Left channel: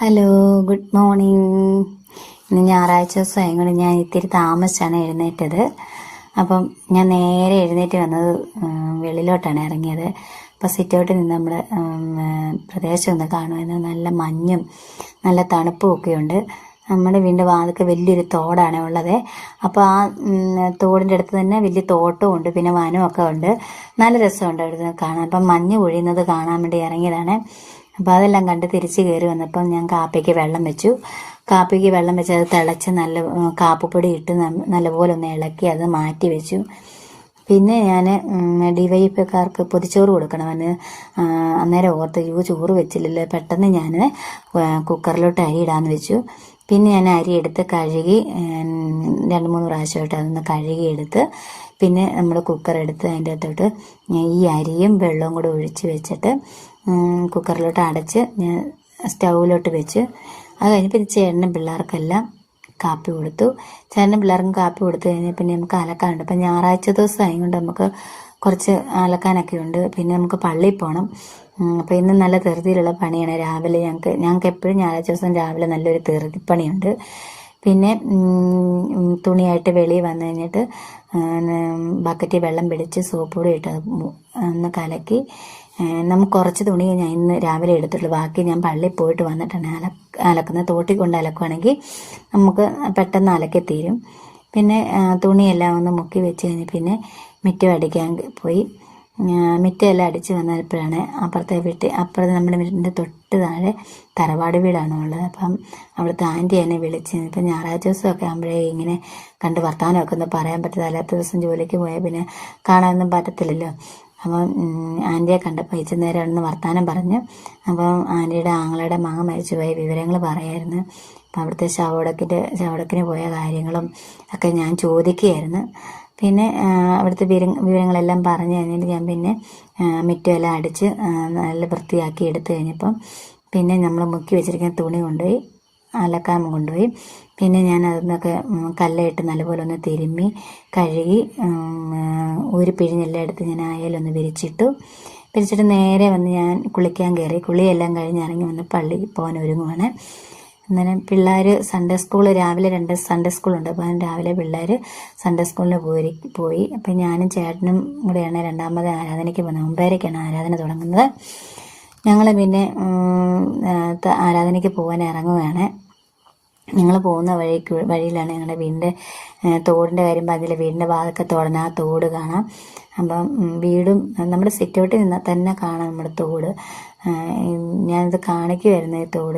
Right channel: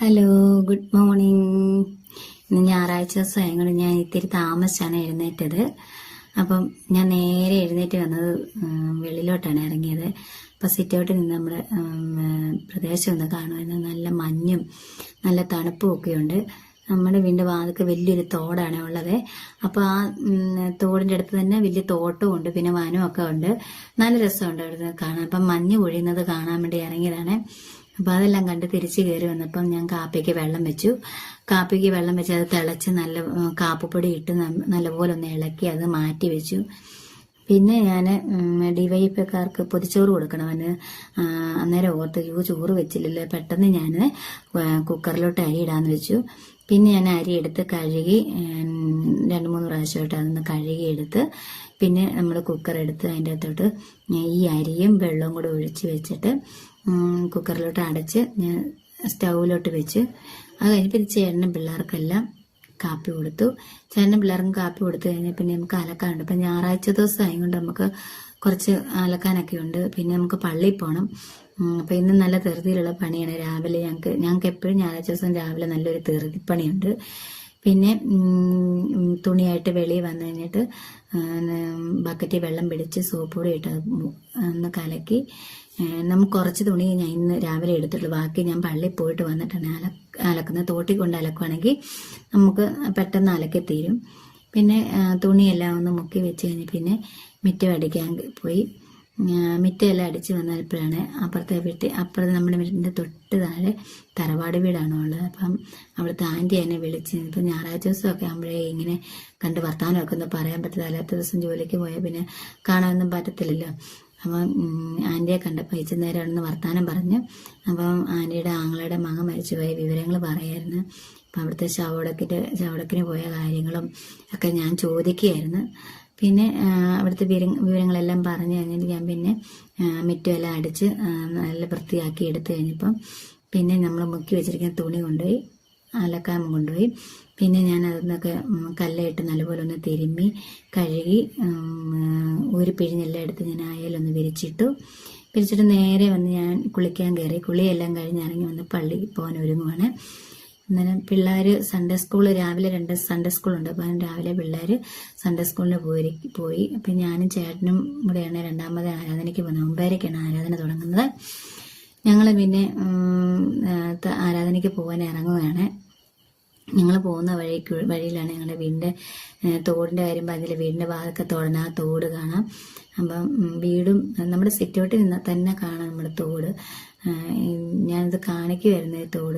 Hello, good morning. ഇന്ന് ഞായറാഴ്ച ദിവസമായതുകൊണ്ട് ഞാൻ ഇത്തിരി താമസിച്ചാണ് എഴുന്നേറ്റത്. അപ്പം ഞാൻ നേരെ എഴുന്നേറ്റ് വന്നത് വെളിയിലോട്ടാണ് ഇറങ്ങിയത്. അപ്പം സിറ്റൗട്ടിൽ നിന്ന് നമ്മുടെ പ്രദേശം ഒന്ന് കാണുമായിരുന്നു. നല്ല മഞ്ഞും നല്ല തണുപ്പും ഒക്കെയുണ്ട്. നമ്മുടെ വീടിൻ്റെ വാതിൽക്ക് വലിയൊരു തോടാണ് ഉള്ളത്. അപ്പോൾ ആ തോടിൻ്റെ അടുത്ത് തന്നെ വലിയ തോട്ടവും ഉണ്ട്, പിന്നെ വനമൊക്കെ ഉണ്ട്. നല്ല രസമുണ്ട് അവിടുന്ന് കാണാൻ. അപ്പം മഞ്ഞ് പൊഴിയുന്നത് കാണാൻ വേണ്ടി ഇറങ്ങിയതാണ്. അപ്പോൾ അതെല്ലാം കണ്ട് തിരിച്ച് കയറി വന്നപ്പം ഞാൻ കാപ്പിക്ക് വെള്ളം വെച്ചു. കാപ്പിക്ക് വെള്ളം വെച്ച് അത് തിളച്ച് നല്ല കാപ്പിപ്പൊടി ഇട്ട് നല്ലപോലെ ഒന്ന് ഇളക്കി അത് മാറ്റി വെച്ചു. പിന്നെ ഞാൻ ഡിവൈഎഫ്ഐക്കാർക്ക് പൊതിച്ചോറ് കൊടുക്കണമെന്ന് അന്നേരം ഓർത്ത് ചോറ് വെച്ചില്ലല്ലോ. പെട്ടെന്ന് ഞാൻ കുക്കറിലോട്ട് അരി ഇടാമെന്ന് വെച്ചു. പിന്നെ ഞാൻ അരി എടുത്ത് കഴുകി 2-3 പ്രാവശ്യമായിട്ട് അതൊന്ന് കഴുകിയെടുത്ത് പിന്നെ നമ്മൾ കുക്കർ എടുത്ത് അതിൻ്റെ അകത്തോട്ട് ഈ അരിയും വെള്ളവും കൂടെ ഒഴിച്ച് വെച്ചിട്ട് കുക്കറിലോട്ട് അടച്ച് ഞാൻ സ്റ്റൗവിലോട്ട് വെച്ച് അത് കഴിഞ്ഞ് പിന്നെ ചേട്ടനും പിള്ളേർക്കെല്ലാം കാപ്പി കൊടുത്തു. ചേട്ടനും പിള്ളേർക്കും കാപ്പി കൊടുത്തു കഴിഞ്ഞാൽ പിന്നെ നമുക്ക് അലക്കാനുണ്ട്. അപ്പം ഞായറാഴ്ച ദിവസം ആയതുകൊണ്ട് നമുക്ക് കുറച്ച് അലക്കാനൊക്കെ ഉണ്ട്. പിന്നെ നമുക്ക് പള്ളിയിൽ പോകണം. അപ്പോൾ ഇന്ന് നല്ല ധൃതിയിലുള്ള പണിയാണ്. രാവിലെ ഞങ്ങൾക്ക് എപ്പോഴും ഞായറാഴ്ച ദിവസം രാവിലെ നല്ലൊരു ധൃതിപ്പണിയുണ്ട്. പിന്നെ തുണിയായിട്ട് വെളിയിൽ വന്നു കഴിഞ്ഞിട്ട് ബക്കറ്റിൽ വെള്ളം പിടിച്ച് സോപ്പ് പൊടി ഇട്ട് ഒന്ന് കലക്കി നമുക്ക് കുറച്ച് തുണി ഞാൻ ഇന്ന് രാവിലെ എടുത്തിട്ടുള്ളൂ. ബാക്കി ഞാൻ പള്ളിയിൽ പോയിട്ട് വന്നിട്ടാണ് അലക്കുന്നത്. തോട്ടിൽ കൊണ്ട് അലക്കുകയാണെങ്കിൽ നമുക്ക് പെട്ടെന്ന് അലക്കി തീരും. പിന്നെ തുണിയെല്ലാം ഒന്ന് മുക്കി വെച്ച് കഴിഞ്ഞ് പിന്നെ മിറ്റം അടിക്കാൻ പോയി. മിറ്റമെല്ലാം അടിച്ച് വന്നപ്പോഴാണ് അപ്പുറത്തെ നമ്മുടെ വീടിൻ്റെ തൊട്ട് താഴെ തറവാട് വീടാണ് ഉള്ളത്. അപ്പം അവിടുത്തെ ആൻറ്റി എന്നെ വിളിച്ച് ഇപ്പം ഞായറാഴ്ച ദിവസമൊക്കെ ആകുമ്പോഴേ ഇങ്ങനെ കണ്ട് വർത്തമാനമൊക്കെ ഒന്ന് പറയാൻ പറ്റത്തില്ല. അല്ലാത്ത ദിവസം ജോലിക്ക് പോയാൽ പിന്നെ കാണാനൊന്നും പറ്റത്തില്ലല്ലോ. അപ്പം ആൻറ്റിയെ കണ്ടപ്പോൾ നേരമാണെന്ന് വർത്തമാനം പറഞ്ഞു. അപ്പം ആൻറ്റിയുടെ ആങ്ങളുടെ മകൻ മരിച്ചുപോയ വിവരങ്ങൾ പറയായിരുന്നു. അപ്പം അവിടുത്തെ ശവടക്കിന് പോയ കാര്യങ്ങളും ഒക്കെ ഞാൻ ചോദിക്കുകയായിരുന്നു. പിന്നെ അവിടുത്തെ വിവരങ്ങളെല്ലാം പറഞ്ഞു കഴിഞ്ഞിട്ട് ഞാൻ പിന്നെ മിറ്റമെല്ലാം അടിച്ച് നല്ല വൃത്തിയാക്കി എടുത്തു കഴിഞ്ഞപ്പം പിന്നെ നമ്മൾ മുക്കി വെച്ചിരിക്കുന്ന തുണി കൊണ്ടുപോയി അലക്കാൻ കൊണ്ടുപോയി. പിന്നെ ഞാൻ അതിനൊക്കെ കല്ലയിട്ട് നല്ലപോലെ ഒന്ന് തിരുമ്മി കഴുകി ഒരു പിഴിഞ്ഞെല്ലാം എടുത്ത് ഞാൻ അയലൊന്ന് വിരിച്ചിട്ട് നേരെ വന്ന് ഞാൻ കുളിക്കാൻ കയറി. കുളിയെല്ലാം കഴിഞ്ഞ് ഇറങ്ങി വന്ന് പള്ളിയിൽ പോകാൻ ഒരുങ്ങുവാണ്. അന്നേരം പിള്ളേർ രാവിലെ 2 സൺഡേ സ്കൂളുണ്ട്. അപ്പം രാവിലെ പിള്ളേർ സൺഡേ സ്കൂളിന് പോയി. അപ്പം ഞാനും ചേട്ടനും കൂടെയാണ് രണ്ടാമത് ആരാധനയ്ക്ക് പോകുന്നത്. 9:30ക്കാണ് ആരാധന തുടങ്ങുന്നത്. ഞങ്ങൾ പിന്നെ ആരാധനയ്ക്ക് പോകാൻ ഇറങ്ങുകയാണ്. ഞങ്ങൾ പോകുന്ന വഴിയിലാണ് ഞങ്ങളുടെ വീടിൻ്റെ തോടിൻ്റെ കാര്യം പറഞ്ഞില്ല. വീടിൻ്റെ ഭാഗത്തൊക്കെ തോടണം, ആ തോട് കാണാം. അപ്പം വീടും നമ്മുടെ സിറ്റൗട്ടിൽ നിന്നാൽ തന്നെ കാണാം നമ്മുടെ തോട്. ഞാനിത് കാണിക്കുമായിരുന്നു ഈ തോട്.